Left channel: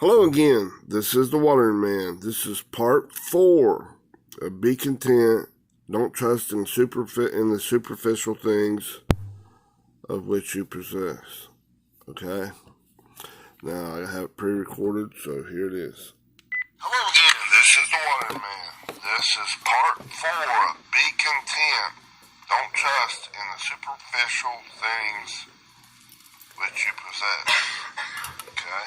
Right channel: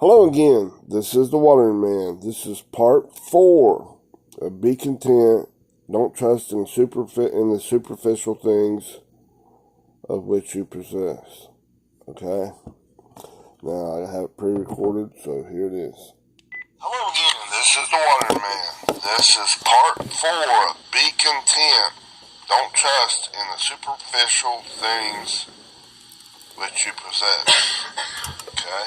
Hello again. This is the Watering Man. This is part 4 of Be Content. Don't trust in the superficial things of which you possess. Okay? Now I have it pre-recorded, so here it is. Hello again. This is the Watering Man. This is part 4 of Be Content. Don't trust in the superficial things which you possess. Okay?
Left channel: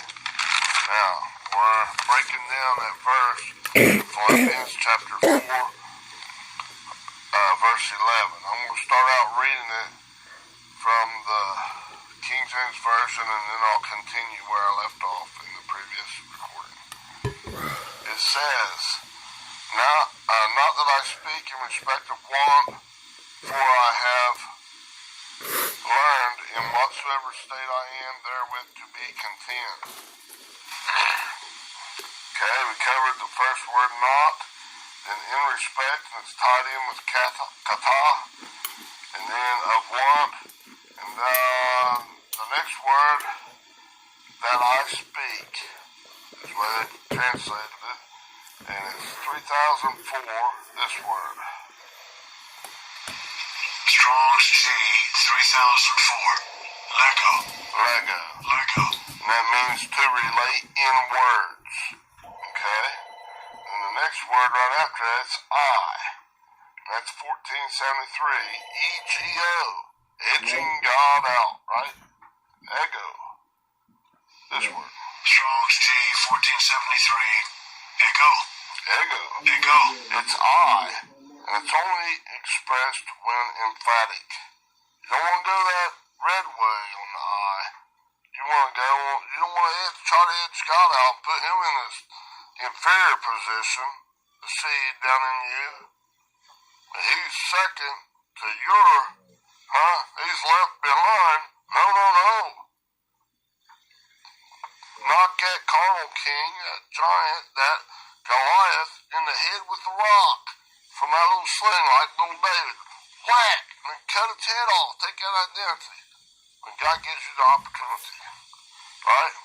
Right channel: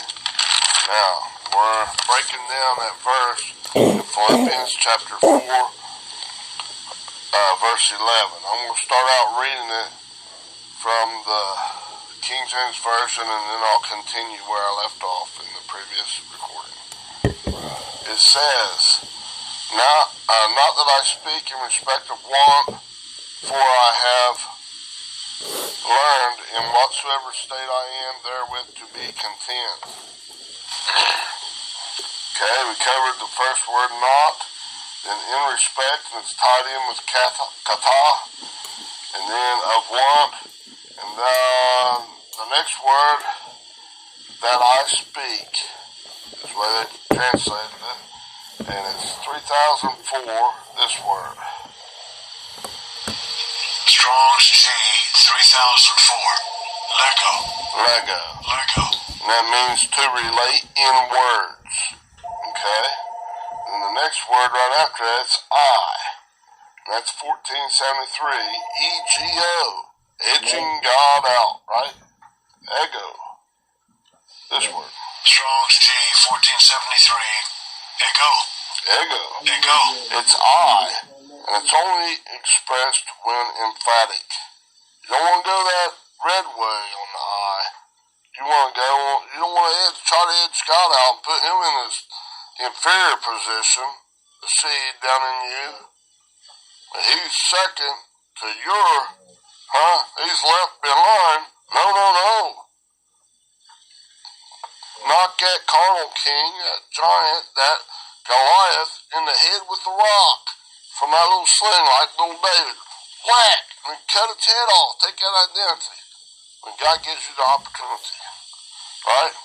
Now, we're breaking down that verse, Philippians chapter 4, verse 11. I'm going to start out reading it from the King James Version, and then I'll continue where I left off in the previous recording. It says, not that I speak in respect of want, for I have learned in whatsoever state I am therewith to be content. Okay, we covered the first word not, then in respect, and it's tied in with kata, and then of want, and then the next word, that I speak, is the way they translated it, and it's 3004, this word. Strong's G 3004. Lego. And that means to relate in words. Okay? And the next word right after that is I. That's 1473. E-G-O. Edging God out, right? Ego. This word. Strong's G 1473. Ego. It's I. And it's only expressed when emphatic. You don't want to go that red way on the I. You don't want to try to edge God out and put him in his inferior position, the seed down in you. But he's second to your, he's left behind. No. Knock that carnal king, that giant, that Goliath, in the head with the rock from that little sling like little David. Whack! And cut its head off. Take that identity. When God gives you the opportunity. Right?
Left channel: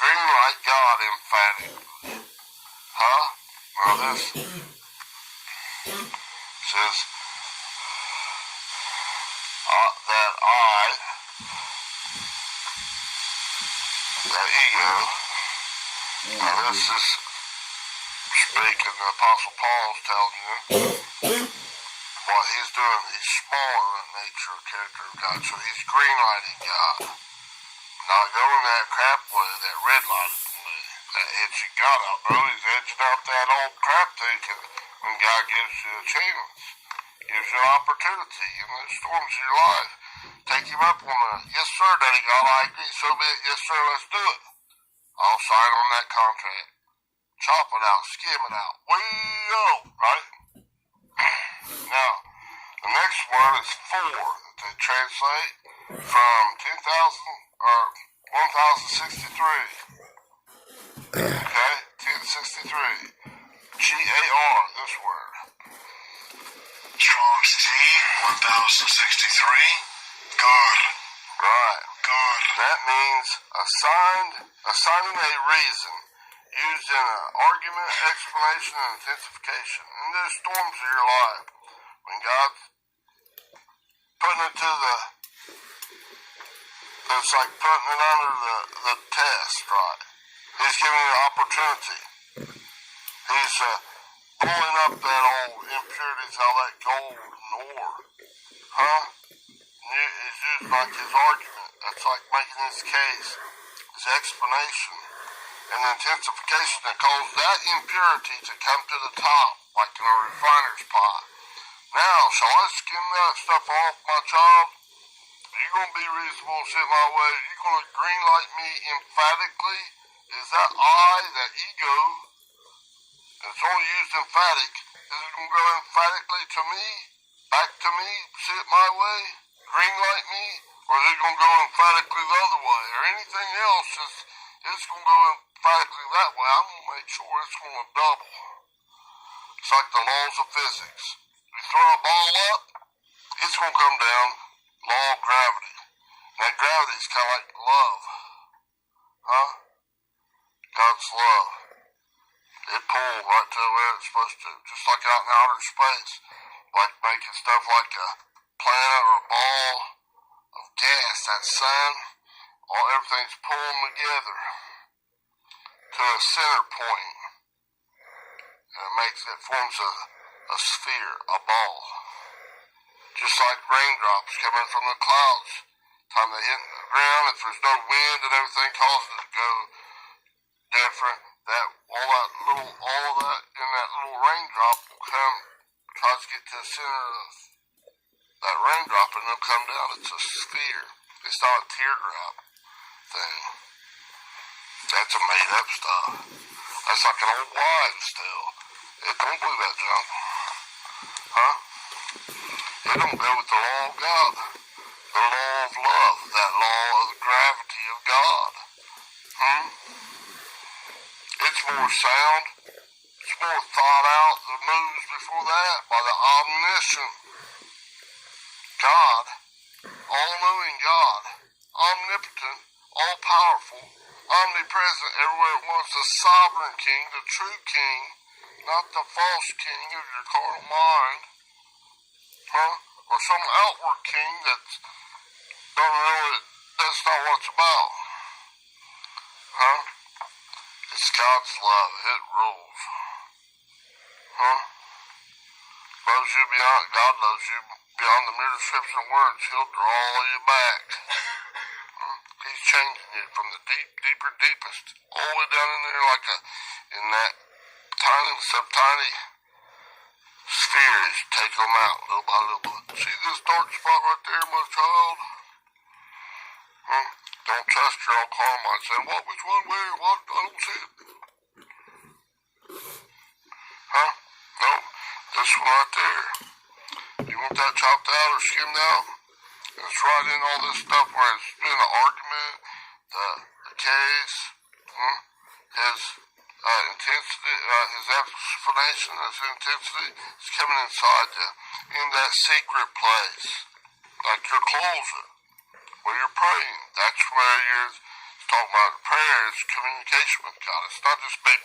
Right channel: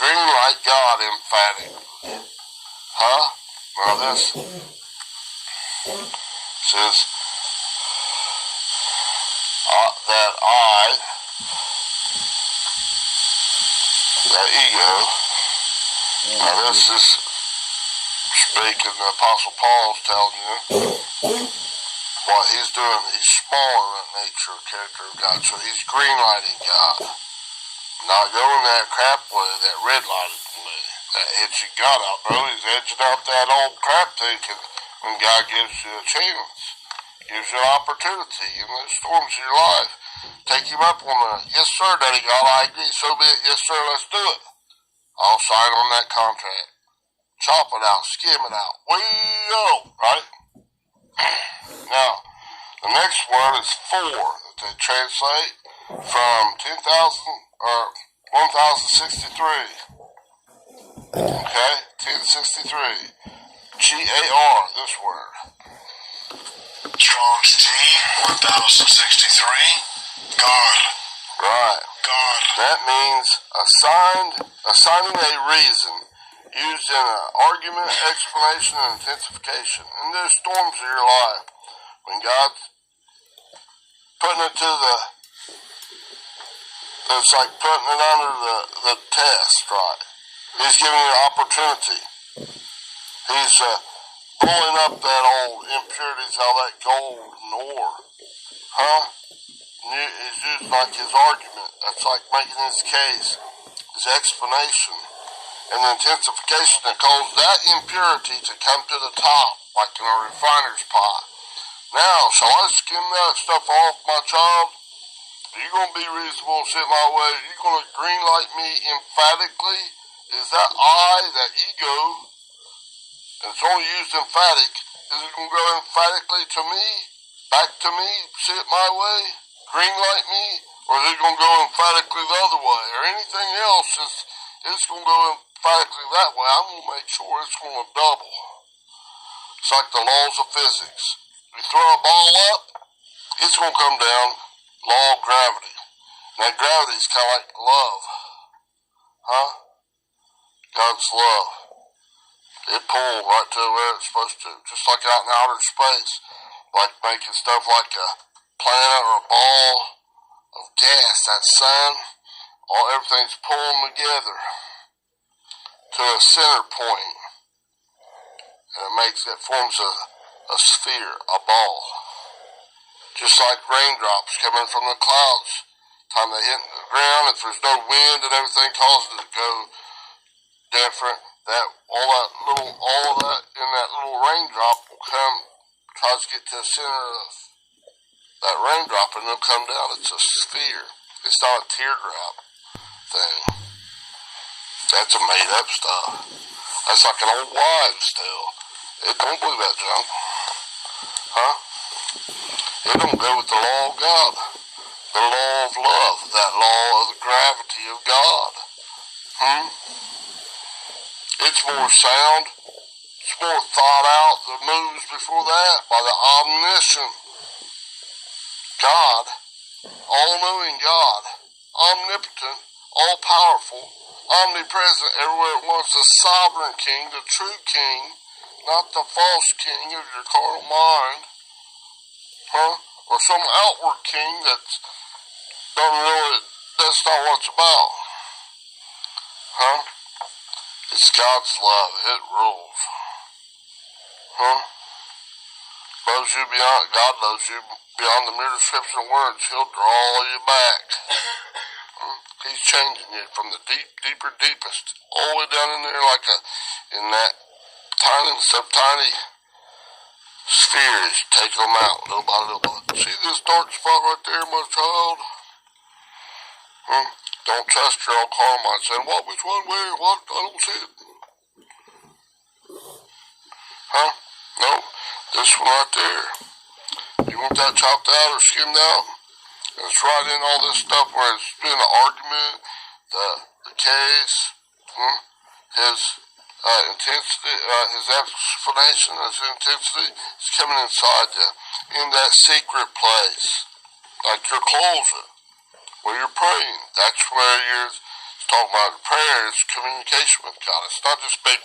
Green light God emphatic. Now this says that I, that ego, now this is speaking, the Apostle Paul's telling you what he's doing. He's smaller in nature, character of God, so he's green lighting God. Not going that crap way, that red lighted way, that edging God out, bro. He's edging out that old crap thinking when God gives you a chance, gives you an opportunity in the storms of your life. Take him up on the, yes sir, Daddy God, I agree, so be it, yes sir, let's do it. I'll sign on that contract. Chop it out, skim it out. We go, right? Now, the next word is for, that they translate from 1063. Okay? 1063. G-A-R, this word. Strong's G 1063. Guard. Right. Guard. That means assigning a reason, used in an argument, explanation, and intensification. In the storms of your life, when God's putting it to it's like putting it under the test, right? He's giving you an opportunity. He's pulling up that old impurities out of that gold and ore. He's using like his argument. That's like making his case, his explanation. And the intensification that causes that impurity to come to the top, like in a refiner's pot. Now, shall I skim that stuff off, my child? Are you going to be reasonable and sit my way? Are you going to green light me emphatically? Is that I, that ego, and it's only used emphatic, is it going to go emphatically to me, back to me, sit my way, green light me? Or is it going to go emphatically the other way? Or anything else, it's going to go emphatically that way. I'm going to make sure it's going to double. It's like the laws of physics. You throw a ball up, it's going to come down. Law of gravity. And that gravity is kind of like love. God's love. It pulled right to where it's supposed to, just like out in outer space, like making stuff like a planet or a ball of gas, that sun, everything's pulling together to a center point, and it forms a sphere, a ball. Just like raindrops coming from the clouds. Time they hit the ground, if there's no wind and everything causes it to go different, all of that in that little raindrop will come, tries to get to the center of that raindrop, and it'll come down. It's a sphere. It's not a teardrop thing. That's a made up stuff. That's like an old wives' tale. It don't believe that junk. Huh? It don't go with the law of God. The law of love. That law of the gravity of God. It's more sound. It's more thought out. The moves before that by the omniscient God, all-knowing God, omnipotent, all-powerful, omnipresent, everywhere at once, the sovereign king, the true king, not the false king of your carnal mind, or some outward king that's that's not what it's about, It's God's love. It rules, Loves you beyond, God loves you beyond the mere description of words. He'll draw you back. He's changing you from the deeper, deepest, all the way down in there in that tiny sphere. He's taking them out little by little. See this dark spot right there, my child? Don't trust your own carnal mind saying, what, which one, where, what? I don't see it. No, this one right there. You want that chopped out or skimmed out? And it's right in all this stuff where it's been an argument, the case, his intensity, his explanation, his intensity is coming inside you in that secret place, like your closet, where you're praying. That's where you're talking about. Prayer is communication with God. It's not just big.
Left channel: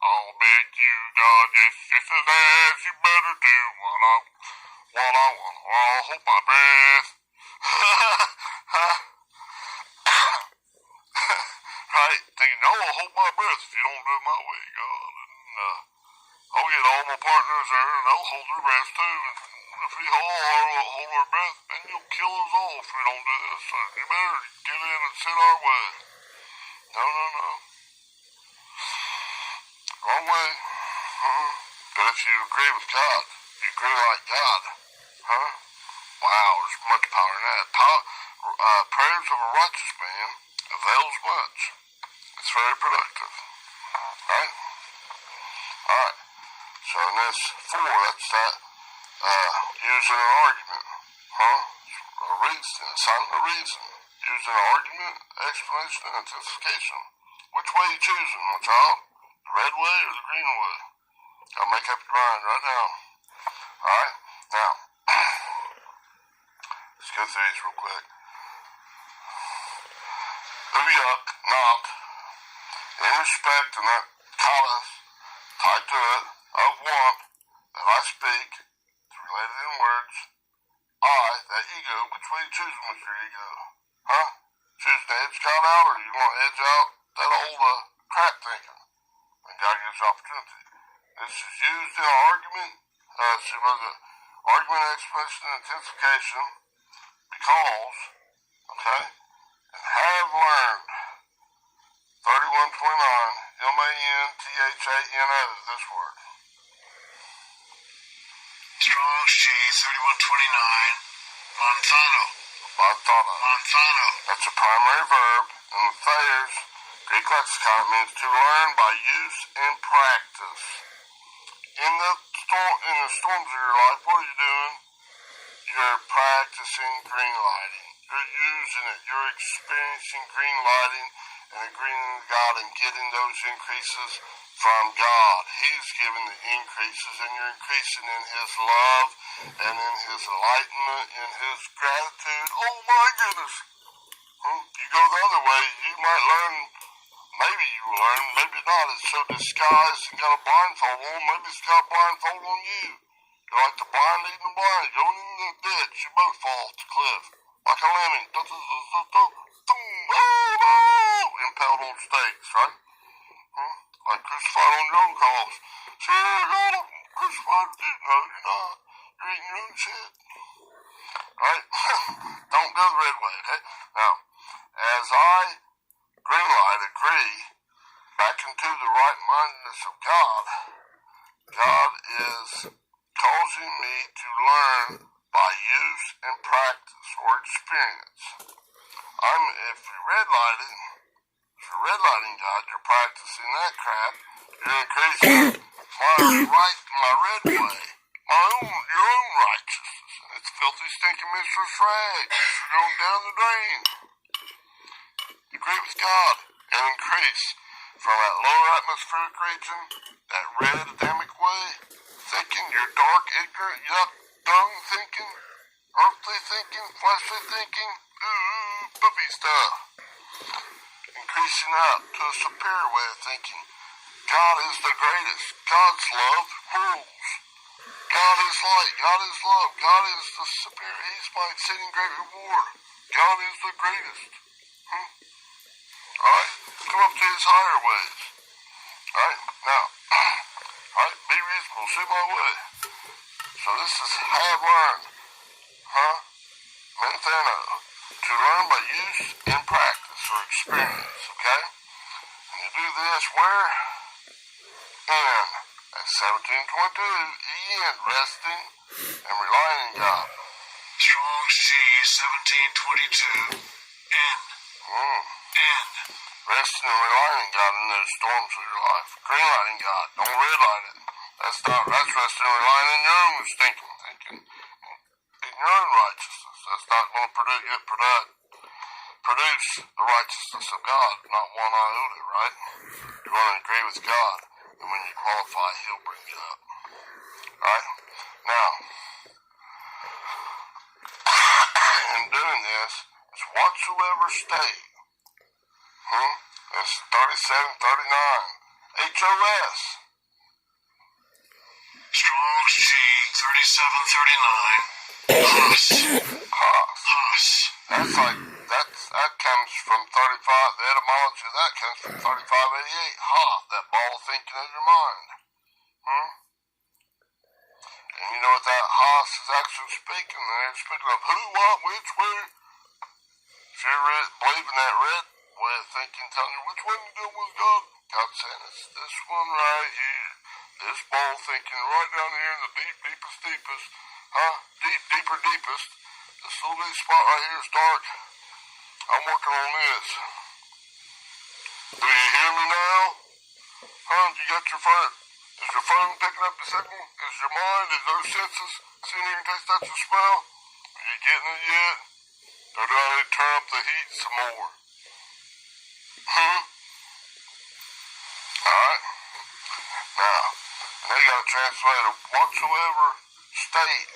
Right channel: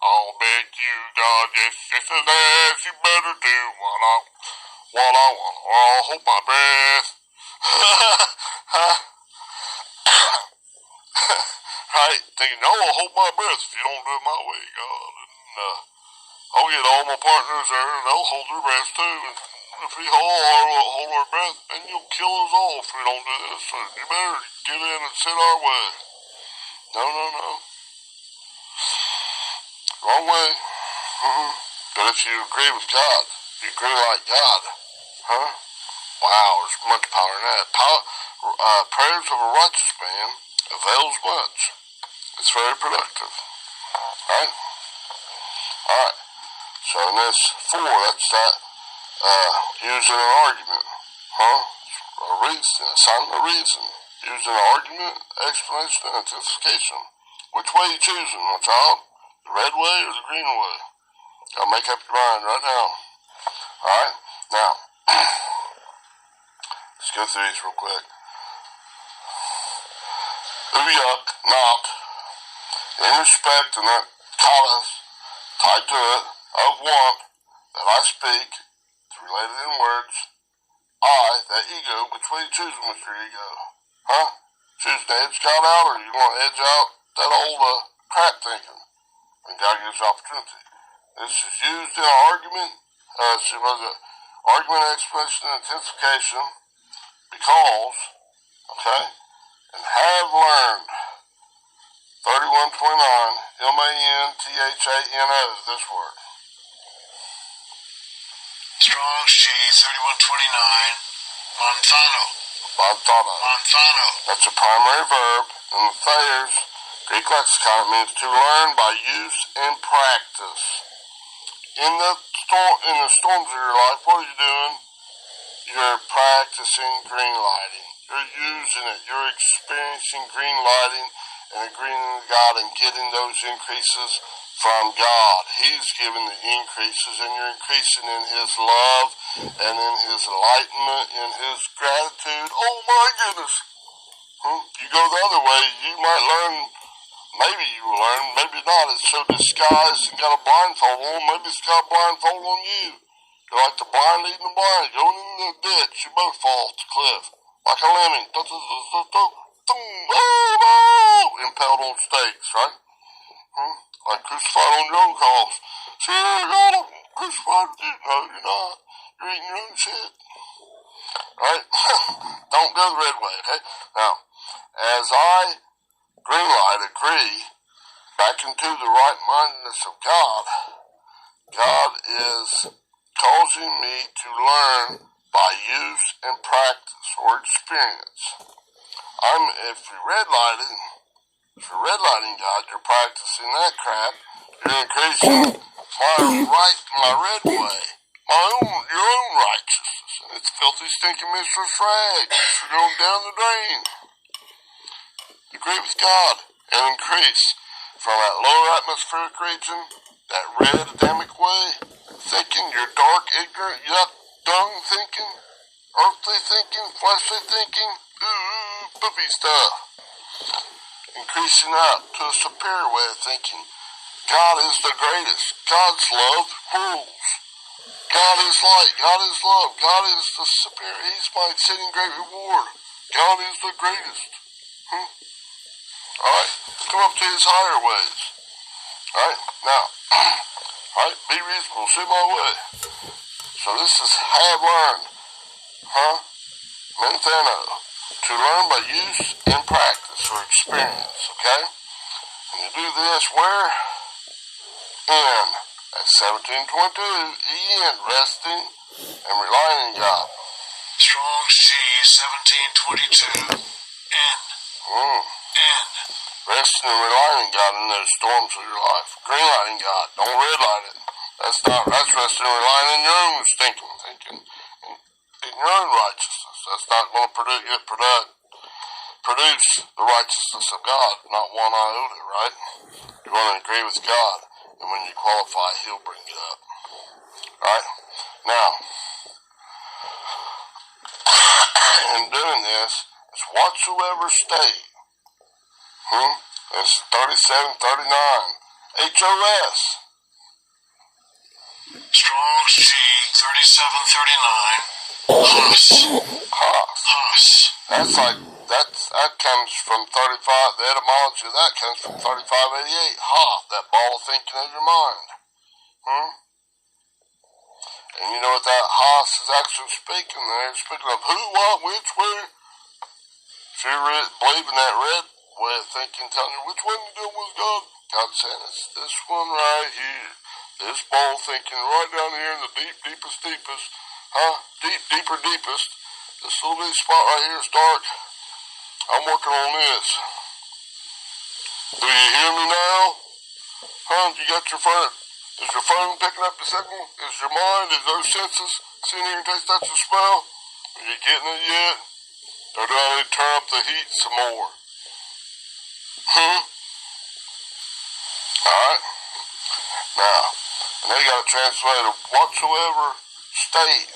I'll beg you, God, yes, you better do what I want, or I'll hold my breath. Right? Thinking, I'll hold my breath if you don't do it my way, God. And I'll get all my partners there, and they'll hold their breath too. And if we all hold our breath, then you'll kill us all if we don't do this. So you better get in and sit our way. No. Wrong way. But if you agree with God, you agree like God, wow, there's much power in that. Prayers of a righteous man avails much. It's very productive. Right? Alright. So in this 4, that's that using an argument. A reason, assigning a reason. Using an argument, explanation, and intensification. Which way you choosing, my child? The red way or the green way? Gotta make up your mind right now. Alright? Now, let's go through these real quick. Uyuk, knock, in respect and that callous, tied to it, of want, that I speak, it's related in words, I, that ego, which way you choosing with your ego? Choose to edge God out, or you want to edge out that old crap thinking? When God gives you opportunity. This is used in an argument, argument, explanation, and intensification, because, and have learned, 3129, M-A-N-T-H-A-N-O, this word. Strong's G, 3129, Monthano. That's a primary verb, and the Thayer's Greek lexicon means to learn by use and practice. In the storms of your life, what are you doing? You're practicing green lighting. You're using it. You're experiencing green lighting and agreeing with God and getting those increases from God. He's giving the increases, and you're increasing in His love and in His enlightenment, in His gratitude. Oh my goodness! You go the other way, you might learn. Maybe you will learn, maybe not. It's so disguised and got a blindfold on. Maybe it's got a blindfold on you. You're like the blind leading the blind. Going in the ditch, you both fall off the cliff. Like a lemming. Oh, no! Impaled on stakes, right? Like crucified on your own cross. See, I got him. Crucified. No, you're not. You're eating your own shit. Right? Don't go the red way, okay? Now, as I green light agree back into the right-mindedness of God, God is causing me to learn by use and practice or experience. If you're redlighting God, you're practicing that crap, you're increasing my red way, your own righteousness, and it's filthy, stinking mistress rags. You're going down the drain. Agree with God and increase from that lower atmospheric region, that red Adamic way, thinking, your dark, ignorant, yuck, dung thinking, earthly thinking, fleshly thinking, poopy stuff. Increasing up to a superior way of thinking. God is the greatest. God's love rules. God is light. God is love. God is the superior. He's my exceeding great reward. God is the greatest. Alright, come up to his higher ways. Alright, now, alright, be reasonable, see my way. So this is have learned, Mentheno, to learn by use and practice or experience, okay? And you do this where? In, at 1722, in, resting and relying on God. Strong's G 1722. N. N. Resting and relying on God in those storms of your life. Green lighting God. Don't red light it. That's resting and relying in your own thinking. In your own righteousness. That's not going to produce the righteousness of God. Not one iota, right? You're going to agree with God. And when you qualify, he'll bring you up. Right? Now, in doing this, it's whatsoever state. It's 3739. HOS. Strong's G 3739. Haas. That comes from 35. The etymology of that comes from 3588. Hoth, that ball of thinking of your mind. And you know what that Haas is actually speaking there? It's speaking of who, what, which, where. If you believe in that red way of thinking, telling you which one you do was God, God's saying it's this one right here. This ball thinking right down here in the deepest. Deepest. This little bitty spot right here is dark. I'm working on this. Do you hear me now? You got your phone. Is your phone picking up the signal? Is your mind, is those senses seeing, hearing, taste, touch, and smell? Are you getting it yet? Or do I need to turn up the heat some more? Alright? Now, and they got to translate a whatsoever state.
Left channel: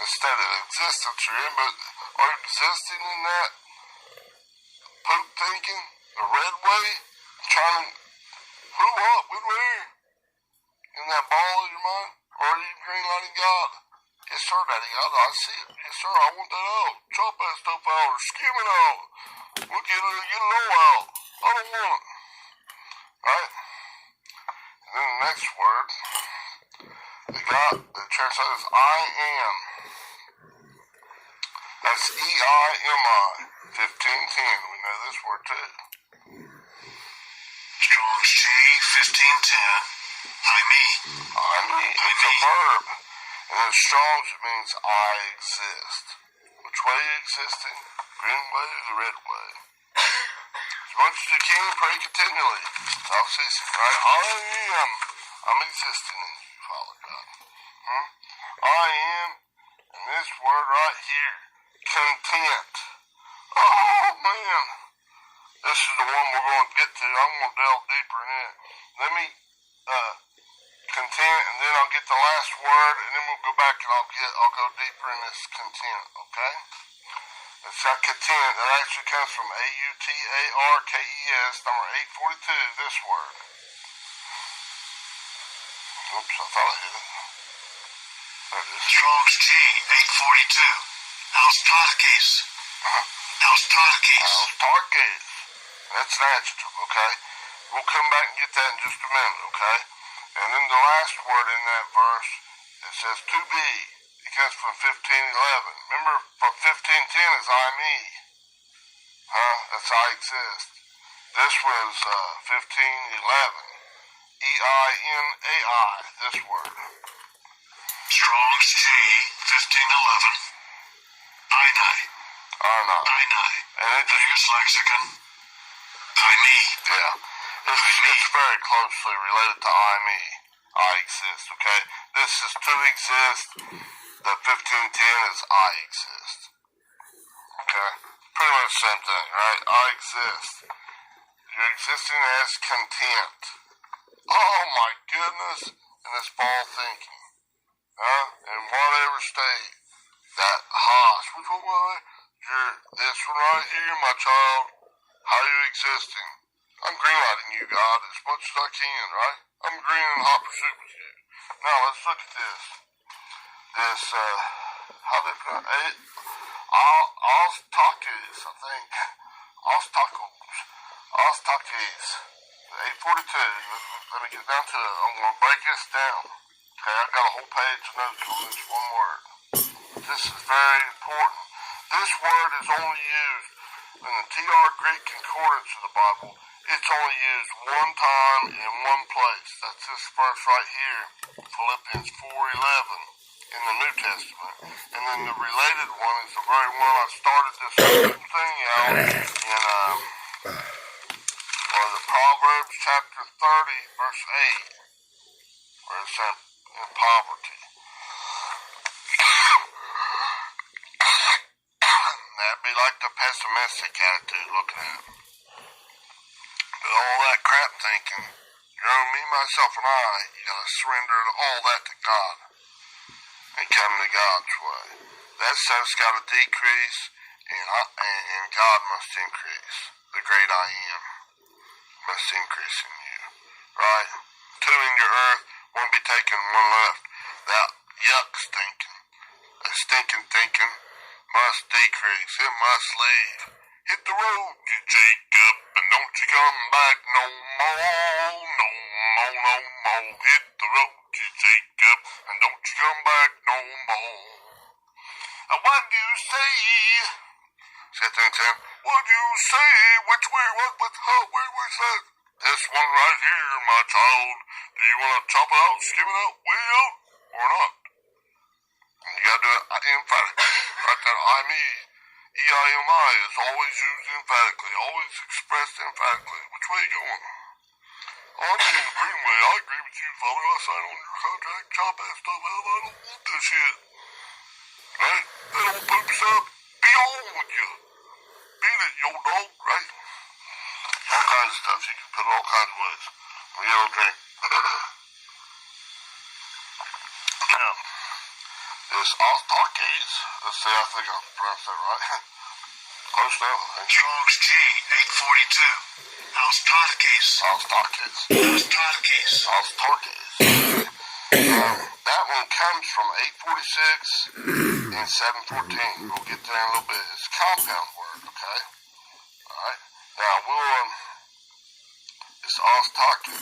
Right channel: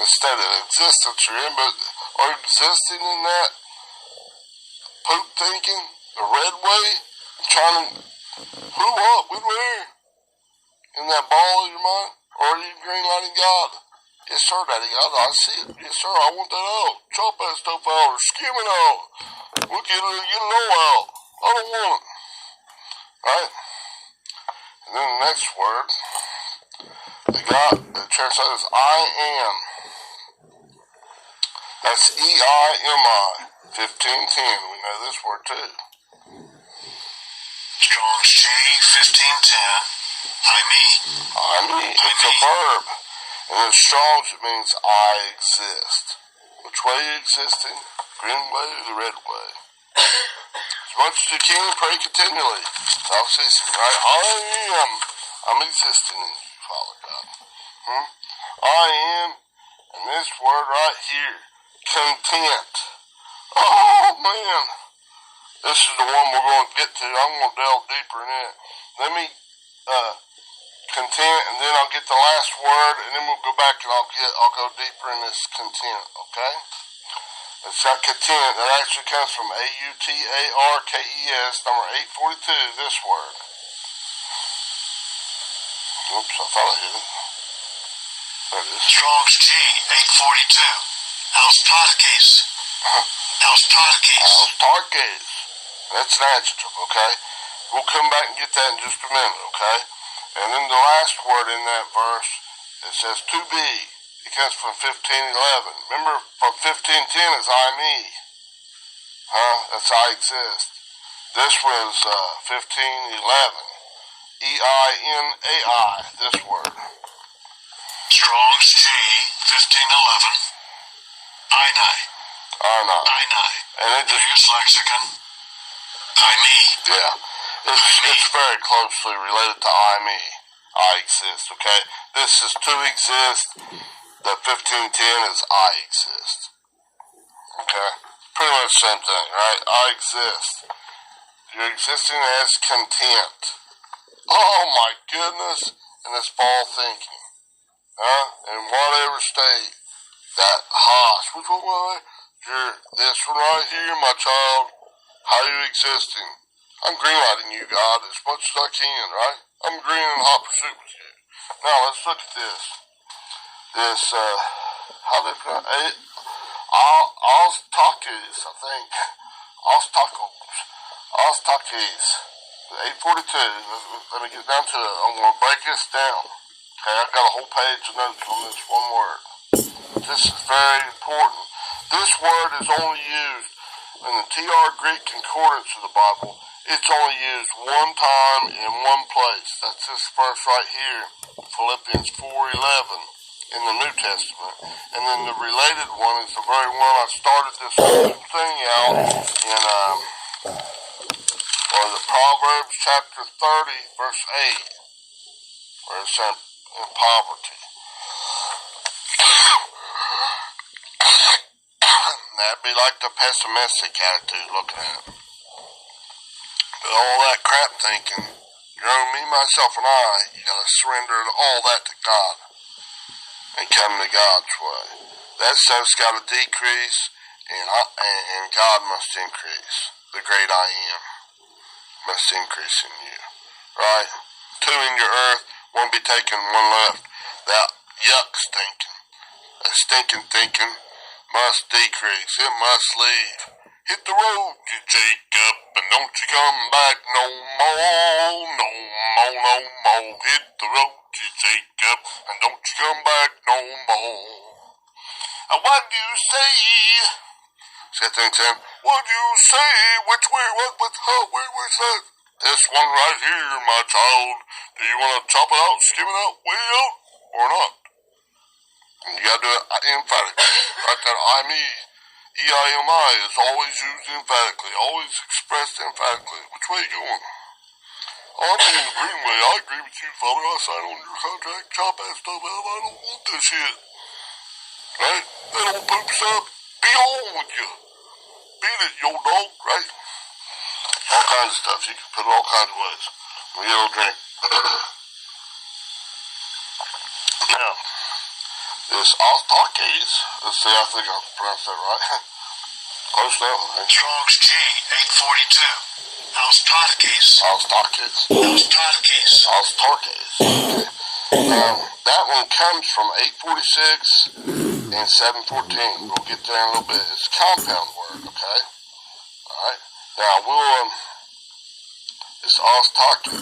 Instead of existence you're in, but are you existing in that poop thinking, the red way, trying to, who, what, when, where, in that ball of your mind, or are you green lighting God? Yes, sir, Daddy, I see it. Yes, sir, I want that out. Chop that stuff out, or skim it out. We'll get it all out. I don't want it. Right? And then the next word, the translates I am. That's EIMI, 1510. We know this word too. Strong's G 1510. I me. It's a verb. And in Strong's it means I exist. Which way are you existing? Green way or the red way? As much as you can, pray continually. Without ceasing, right? I'm existing in you, Father God. I am, and this word right here, content. Oh, man. This is the one we're going to get to. I'm going to delve deeper in it. Let me content, and then I'll get the last word, and then we'll go back and I'll go deeper in this content, okay? It's got content. That actually comes from AUTARKES, number 842, this word. Oops, I thought I hit it. There it is. Strong's G, 842. Autarkes. Autarkes. Autarkes. That's an adjective, okay? We'll come back and get that in just a minute, okay? And then the last word in that verse, it says to be. It comes from 15:11. Remember, from 15:10 is I me. That's I exist. This was 15:11. EINAI, this word. Strong's G, 1511. Einai. And it just, Biggest lexicon. I me. yeah. It's very closely related to I me. I exist, okay? This is to exist. The 15:10 is I exist. Okay? Pretty much the same thing, right? I exist. You're existing as content. Oh my goodness. And it's ball thinking. In whatever state. That which one was it? You're this one right here, my child. How you existing? I'm greenlighting you, God, as much as I can, right? I'm green in hot pursuit with you. Now, let's look at this. How they pronounce it? Autarkes, I think. Autarkes. 842. Let me get down to it. I'm going to break this down. Okay, I've got a whole page of notes on this one word. This is very important. This word is only used in the TR Greek Concordance of the Bible. It's only used one time in one place. That's this verse right here, Philippians 4:11 in the New Testament. And then the related one is the very one I started this whole thing out in the Proverbs chapter 30, verse 8, where it said in poverty. That'd be like the pessimistic attitude looking at it. But all that crap thinking, me, myself, and I, you gotta surrender all that to God and come to God's way. That stuff's gotta decrease, and God must increase. The great I am must increase in you. Right? Two in your earth, one be taken, one left. That yuck stinking, that stinking thinking must decrease. It must leave. Hit the road, you Jacob, and don't you come back no more, no more, no more. Hit the road, you Jacob, and don't you come back no more. And what do you say? See that thing, Sam? What do you say? Which way, what, how, where's that? This one right here, my child. Do you want to chop it out, skim it out, way out, or not? And you gotta do it emphatically. Right there, I me, E-I-M-I is always used emphatically, always expressed emphatically. Which way you going? Oh, I'm in the green way. I agree with you, father. I signed on your contract. Chop that stuff out. I don't want this shit. Right? That old poop stuff. Be on with you. Beat it, yo dog, right? All kinds of stuff. You can put it all kinds of ways. We get a little drink. Now, this Autarkes, let's see, I think I pronounced that right. Close enough, I think. Strong's G, 842. Autarkes. That one comes from 846 and 714. We'll get there in a little bit. It's a compound word, okay? Alright. Now, it's Autarkes.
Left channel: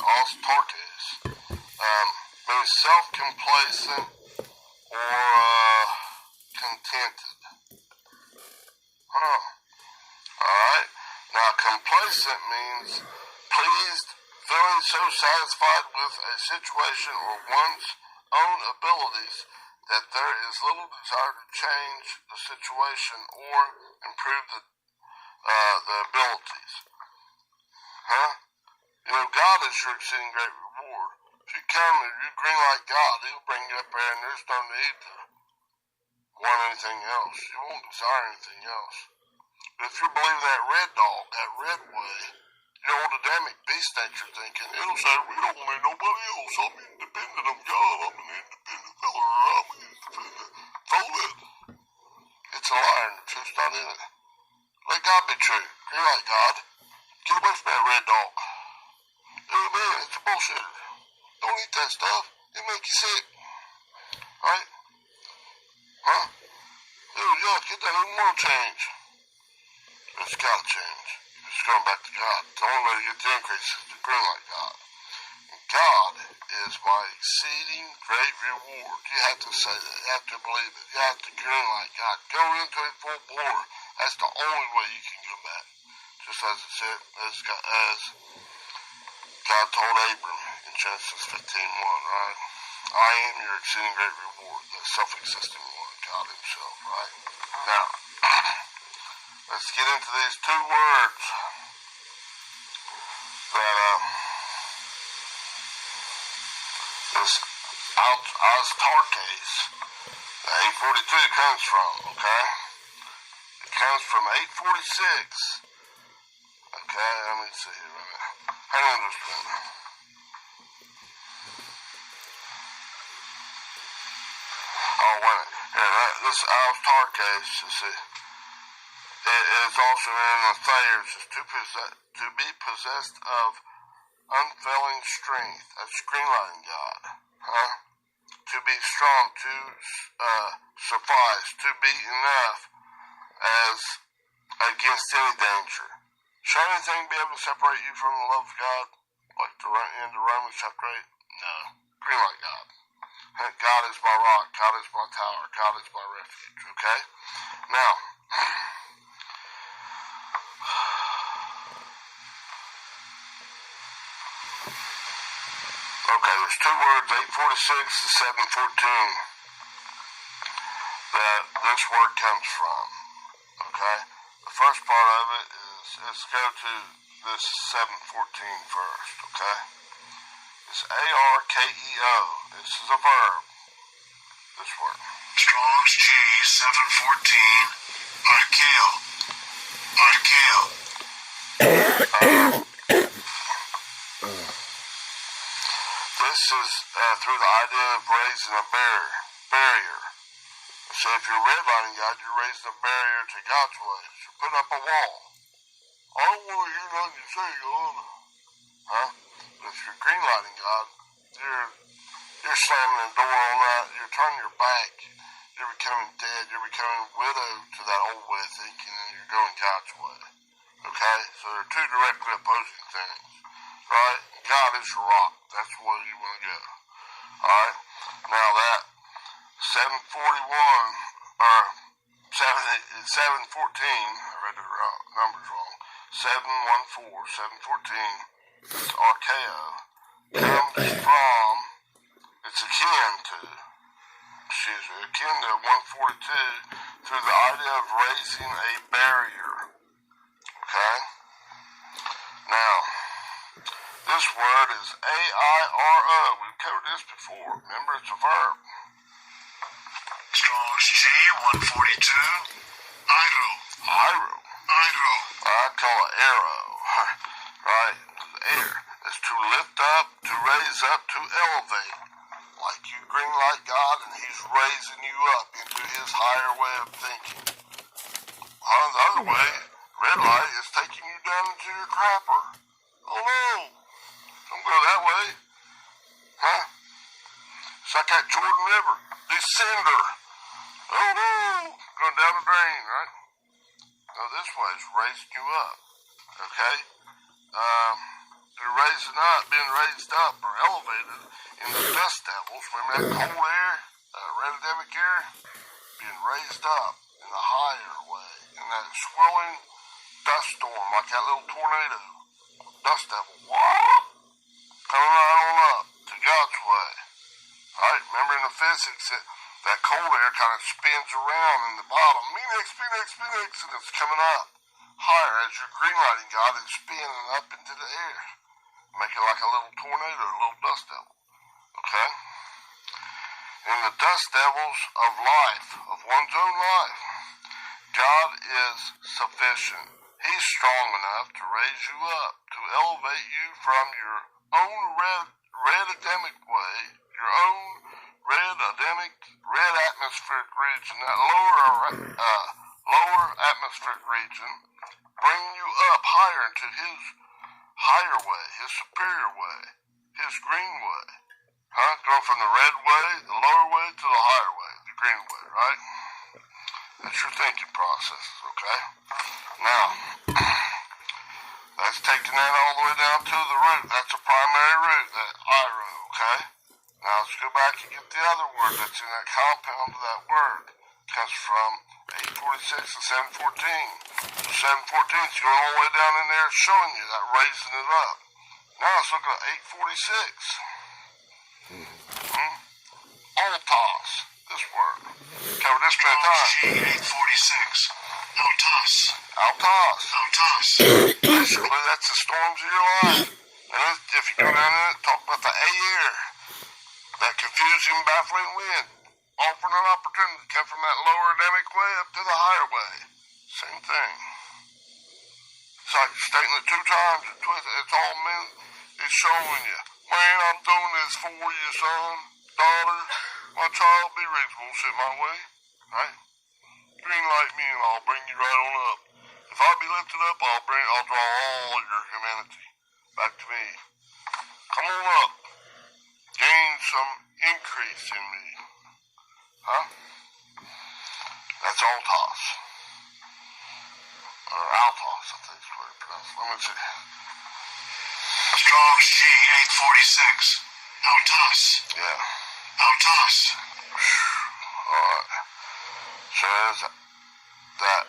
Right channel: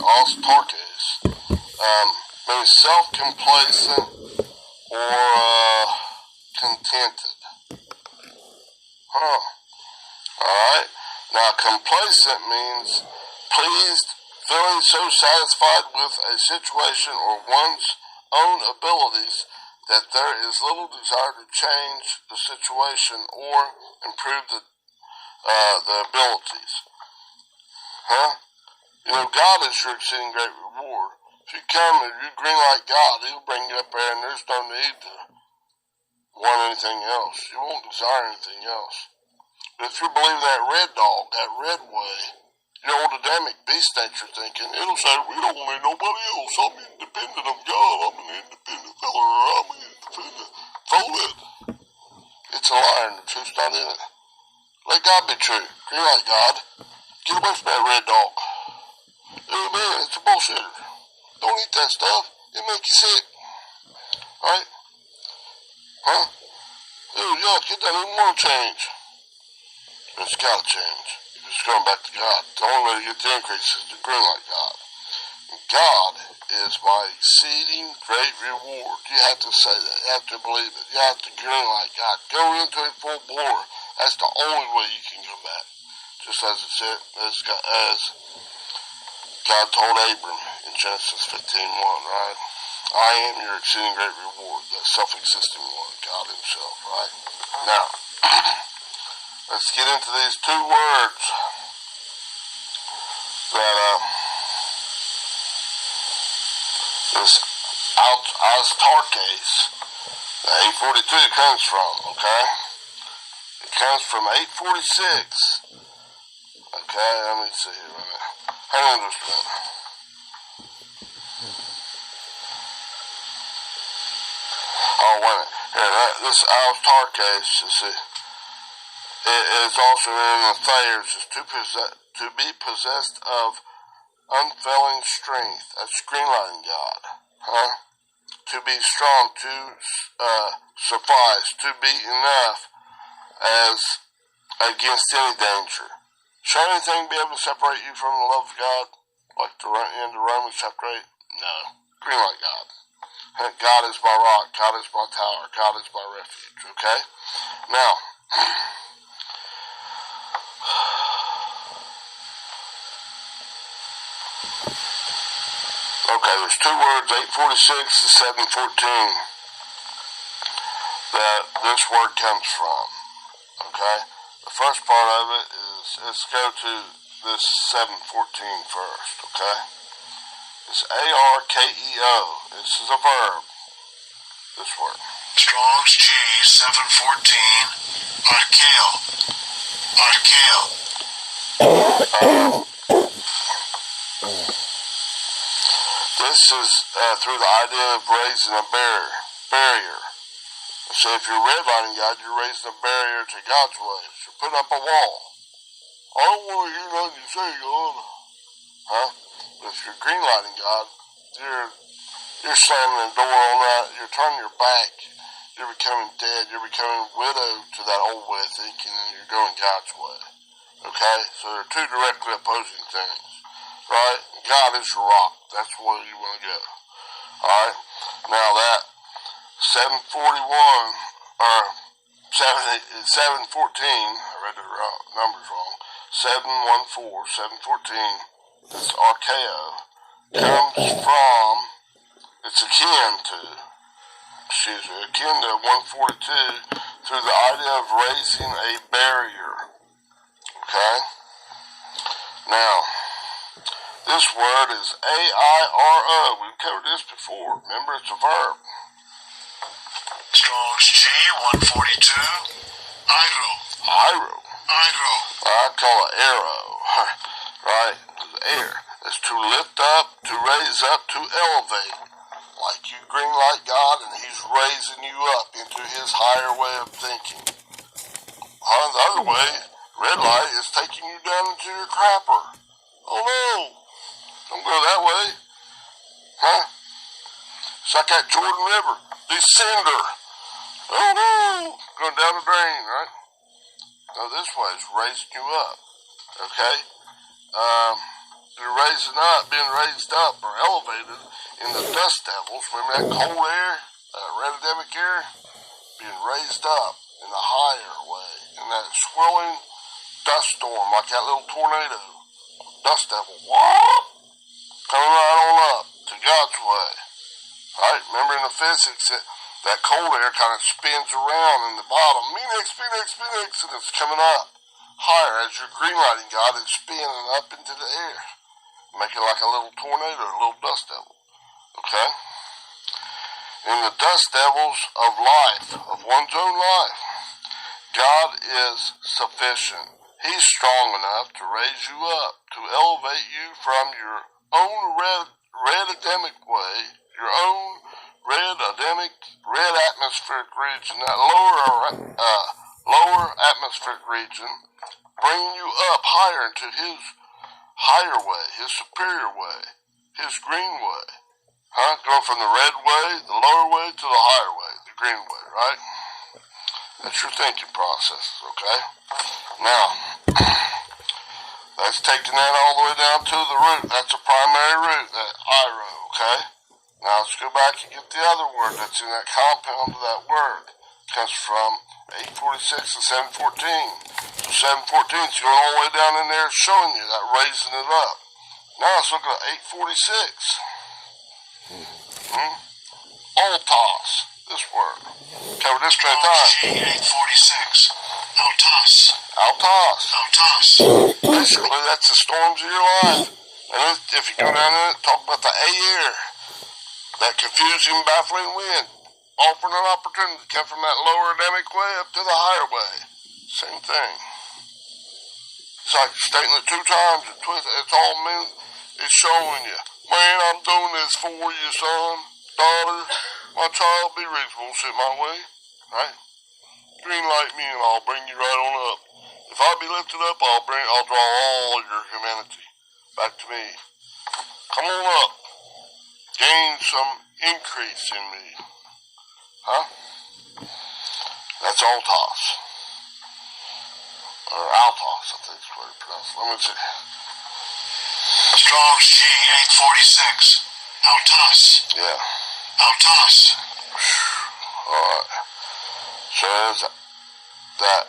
Means self-complacent or contented. Alright. Now, complacent means pleased, feeling so satisfied with a situation or one's own abilities that there is little desire to change the situation or improve the abilities. You know, God is your exceeding great reward. If you come and you green like God, He'll bring you up there and there's no need to want anything else. You won't desire anything else. But if you believe that red dog, that red way, your old Adamic beast nature thinking, it'll say, we don't need nobody else. I'm independent of God. I'm an independent fella. I'm an independent. Throw it. It's a lie and the truth's not in it. Let God be true. Green light, God. Get away from that red dog. Amen. It's a bullshitter. Don't eat that stuff. It make you sick. Right? Huh? Ooh, yuck. It doesn't even want to change. But it's got to change. If it's going back to God. The only way to get the increase is to green light God. And God is my exceeding great reward. You have to say that. You have to believe it. You have to green light God. Go into it full bore. That's the only way you can come back. Just as it said, as God told Abram in Genesis 15:1, right? I am your exceeding great reward, that self-existing one, God himself, right? Now, let's get into these two words that this Astartes, the 842 comes from, okay? It comes from 846. Okay, let me see here. Hang on just a minute. Oh, wait a minute. Here, this Astartes, you see, it is also in the Thayers, is to be possessed of unfailing strength. That's greenlighting God. Huh? To be strong, to suffice, to be enough as against any danger. Shall anything be able to separate you from the love of God? Like the end of Romans chapter 8? No. Green light God. God is my rock. God is my tower. God is my refuge. Okay? Now, okay, there's two words, 846 to 714, that this word comes from. Okay? The first part of it is, let's go to this 714 first, okay? It's A-R-K-E-O. This is a verb. This word. Strong's G 714. Archaeo. This is through the idea of raising a barrier. So if you're redlining God, you're raising a barrier to God's ways. You're putting up a wall. I don't want to hear nothing you say, God. Huh? But if you're greenlighting God, you're slamming the door on that. You're turning your back. You're becoming dead. You're becoming widowed to that old way of thinking, and you're going God's way. Okay? So they're two directly opposing things. Right? God is your rock. That's where you want to go. Alright? Now that 741, or 714, I read the numbers wrong, 714, it's Archaeo, comes from, it's akin to 142, through the idea of raising a barrier. Okay? Now, this word is A-I-R-O. We've covered this before. Remember, it's a verb. Strong's G 142. Iro. I call it arrow. Right? Air. It's to lift up, to raise up, to elevate. Like you green light God, and he's raising you up into his higher way of thinking. The other way, red light, is taking you down into your crapper. Oh no! Don't go that way. Huh? It's like that Jordan River. Descender. Oh no! Going down the drain, right? No, this way is raising you up. Okay? You're raising up, being raised up or elevated in the dust devils. Remember that cold air, redodemic air? Being raised up in a higher way. In that swirling dust storm, like that little tornado. Dust devil. Whoop! Coming right on up to God's way. Right? Remember in the physics that cold air kind of spins around in the bottom. Phoenix, and it's coming up higher as you're greenlighting God and spinning up into the air. Make it like a little tornado, a little dust devil. Okay? In the dust devils of life, of one's own life, God is sufficient. He's strong enough to raise you up, to elevate you from your own red-ademic way, your own red atmospheric region, that lower atmospheric region, bringing you up higher into his higher way, his superior way, his green way. Huh? Going from the red way, the lower way, to the higher way, the green way, right? That's your thinking process, okay? Now, that's taking that all the way down to the root. That's a primary root, that iro, okay? Now let's go back and get the other word that's in that compound of that word. It comes from 846 and 714. So 714 is going all the way down in there showing you that, raising it up. Now let's look at 846. Altos, this word. Cover this straight time. 846. Altos. Altos. Basically, that's the storms of your life. And if you go down in it, talk about the air, that confusing, baffling wind, offering an opportunity to come from that lower Adamic way up to the higher way. Same thing. It's like stating it 2 times and twist. It's all meant. It's showing you, man, I'm doing this for you, son, daughter. My child, be reasonable, sit my way, right? Green light me and I'll bring you right on up. If I be lifted up, I'll draw all your humanity back to me. Come on up. Gain some increase in me. Huh? That's Altos. Or Altos, I think is what it's pronounced. Let me see. Strong's G 846. Altos. Yeah. Altos. Alright. Says that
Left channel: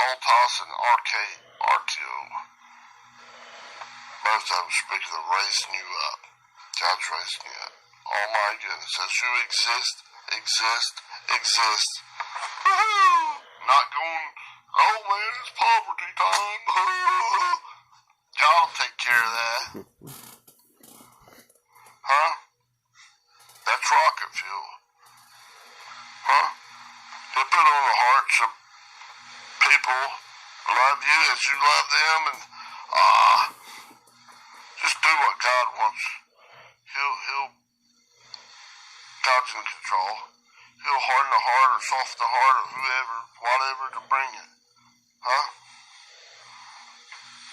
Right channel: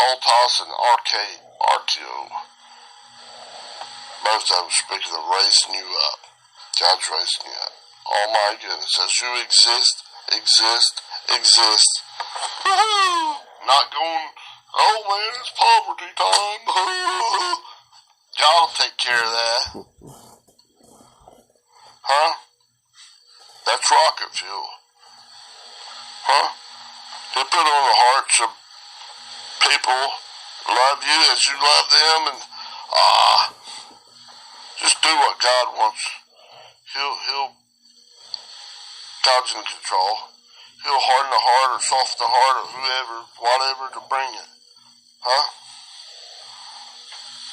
Altos and RTO, both of them speak of raising you up. God's raising you up. Oh my goodness. As you exist. Woo-hoo! Not going, oh man, it's poverty time. God will take care of that. Huh? That's rocket fuel. Huh? He put on the hearts of people who love you as you love them, and just do what God wants. God's in control. He'll harden the heart or soften the heart of whoever, whatever, to bring it. Huh?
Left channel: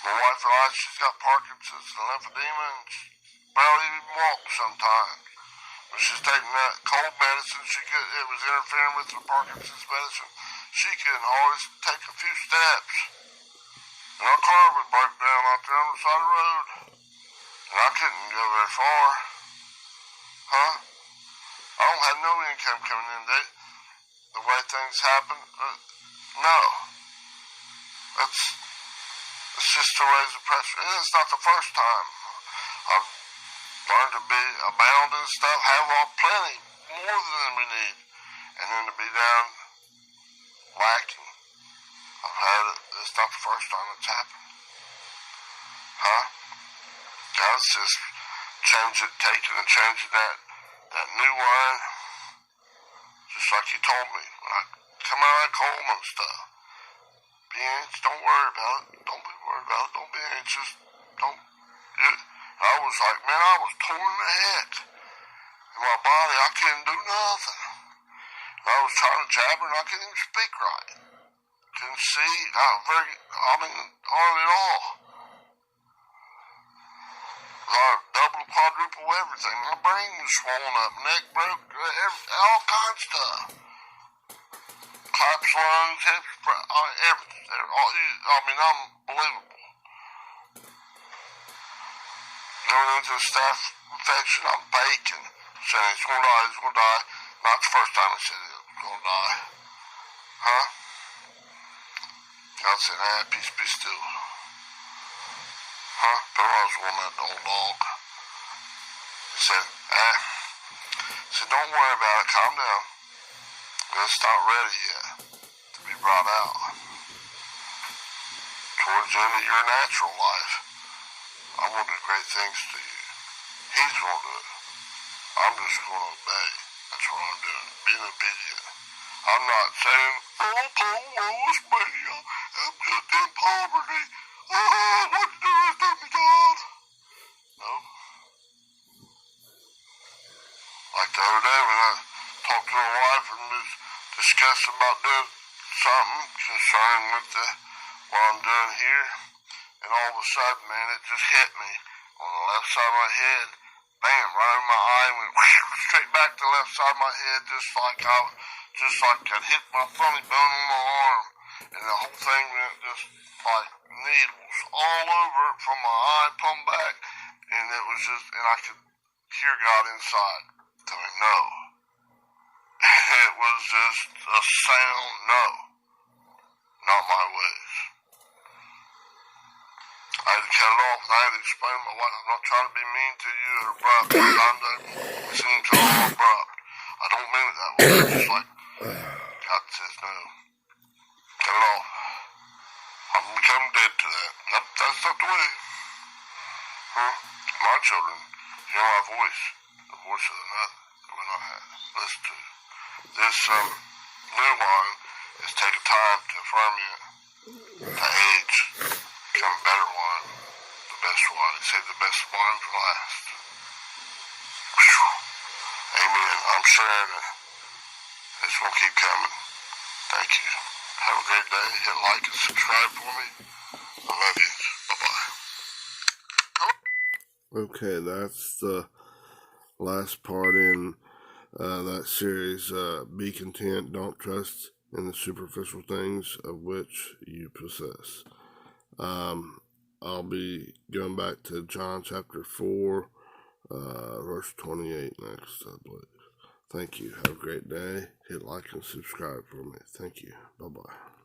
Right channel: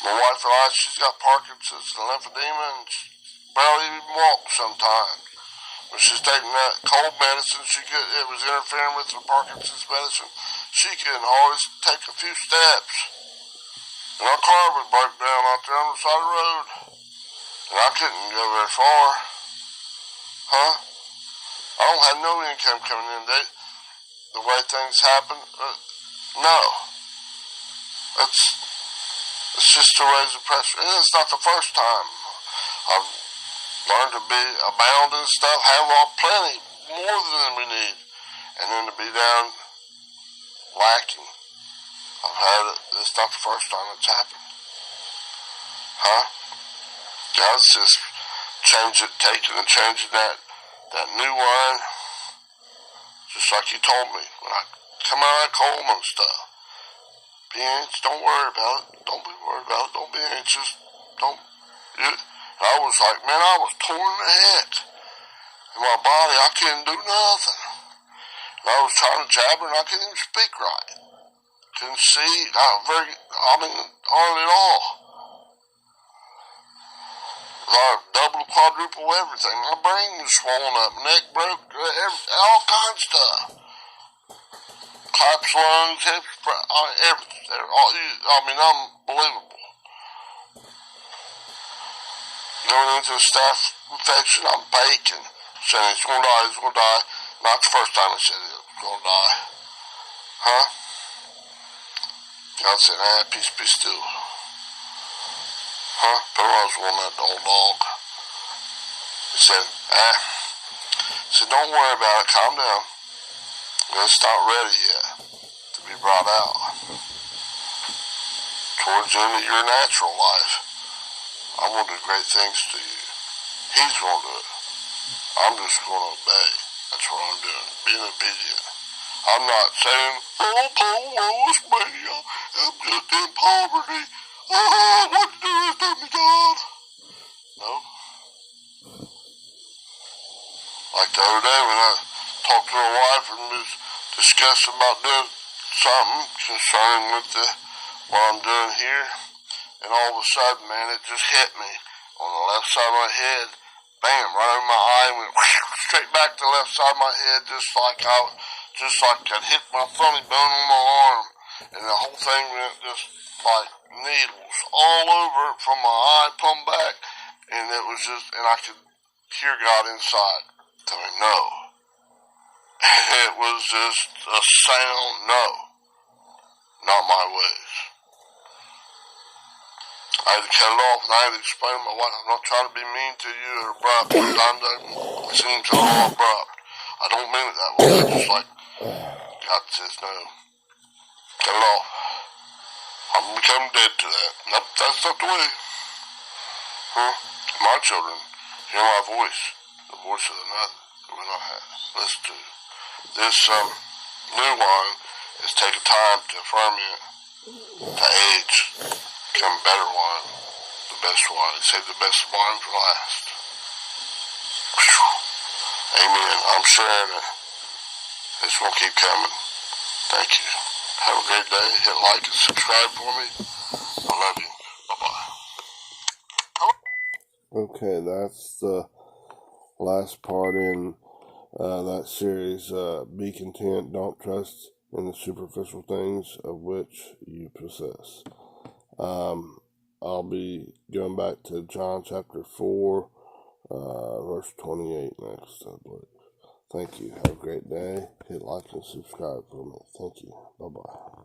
My wife and I, she's got Parkinson's and lymphedema, and she barely even walks sometimes. When she's taking that cold medicine, it was interfering with her Parkinson's medicine. She couldn't always take a few steps. And our car would break down out there on the side of the road. And I couldn't go very far. Huh? I don't have no income coming in. The way things happen, no. It's just to raise the pressure. And it's not the first time. I've learned to be abound and stuff, have all plenty, more than we need. And then to be down lacking. I've had it. It's not the first time it's happened. Huh? God's just taking and changing that new wine, just like He told me when I come out of that coma and stuff. Be anxious, don't worry about it. Don't be worried about it. Don't be anxious. I was like, man, I was torn to heck in my body. I couldn't do nothing. And I was trying to jabber and I couldn't even speak right. Couldn't see. Hardly at all. I double, quadruple everything. My brain was swollen up, neck broke, all kinds of stuff. Collapsed lungs, everything. Unbelievable. Going into a staph infection, I'm baking. Saying he's gonna die. Not the first time I said he was gonna die. Huh? God said, peace be still. Huh? But I was one that old dog. He said, don't worry about it, calm down. It's not ready yet to be brought out. Towards the end of your natural life, I'm going to do great things to you. He's going to do it. I'm just going to obey. That's what I'm doing, being obedient. I'm not saying, woe is me, I'm just in poverty. What you do is do me, God. No. Like the other day when I talked to my wife and was discussing about doing something concerning with the what I'm doing here, and all of a sudden, man, it just hit me on the left side of my head. Bam, right over my eye, went straight back to the left side of my head, just like I'd hit my funny bone on my arm, and the whole thing went just like needles all over it from my eye, pumped back, and it was just, and I could hear God inside telling me no. And it was just a sound, no, not my ways. I had to cut it off, and I had to explain to my wife, I'm not trying to be mean to you or abrupt. Sometimes it seems a little abrupt. I don't mean it that way. It's just like, God says no. Cut it off. I'm becoming dead to that. Nope, that's not the way. My children hear my voice, the voice of another that will not have. Listen to this new wine is taking time to ferment, to age, become better wine, the best wine. Save the best wine for last. Whew. Amen. I'm sharing it. This will keep coming. Thank you. Have a great day. Hit like and subscribe for me. I love you. Bye-bye. Okay, that's the last part in that series. Be content, don't trust in the superficial things of which you possess. I'll be going back to John chapter 4, verse 28 next, I believe. Thank you. Have a great day. Hit like and subscribe for me. Thank you. Bye-bye.